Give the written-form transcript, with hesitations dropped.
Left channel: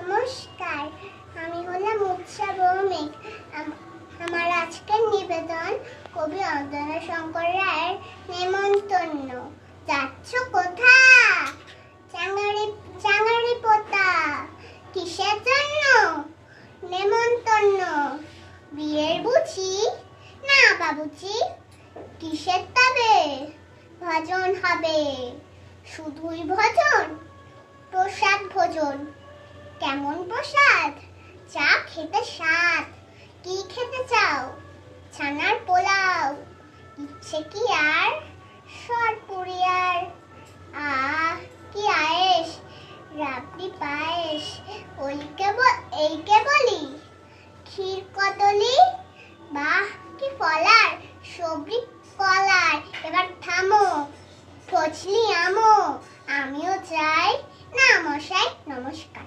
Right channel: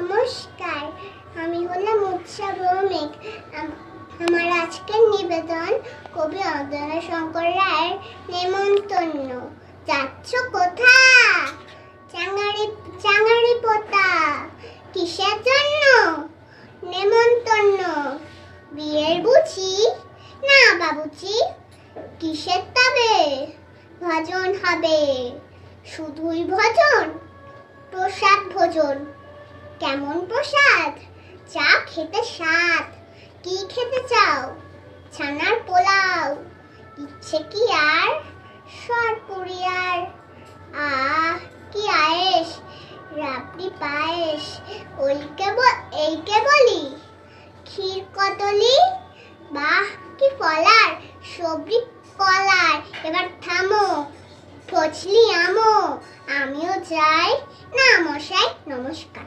নমস্কার, আমি হলাম উৎসা ভৌমিক। আমার আজকের নিবেদন কবি অদয় শঙ্কর রায়ের নেমন্তন্ন। যাচ্ছ কোথা? চাঙারি চাঙারি পোতা। কিসের জন্য? নেমন্তন্ন। বিয়ের বুঝি? না বাবুজি। কিসের তবে? ভজন হবে। শুধুই ভজন? প্রসাদ ভোজন। কেমন প্রসাদ? চা খেতে স্বাদ। কি খেতে চাও? ছানার পোলাও। ইচ্ছে কি আর? সরপুরি আর। আহ কি আয়েশ, রাবড়ি পায়েস। এইকে বলি ক্ষীর কদলি। বাহ কি ফলার, সবরি কলার। এবার থামো, ফজলি আমো। আমিও যাই। না মশাই, নমস্কার।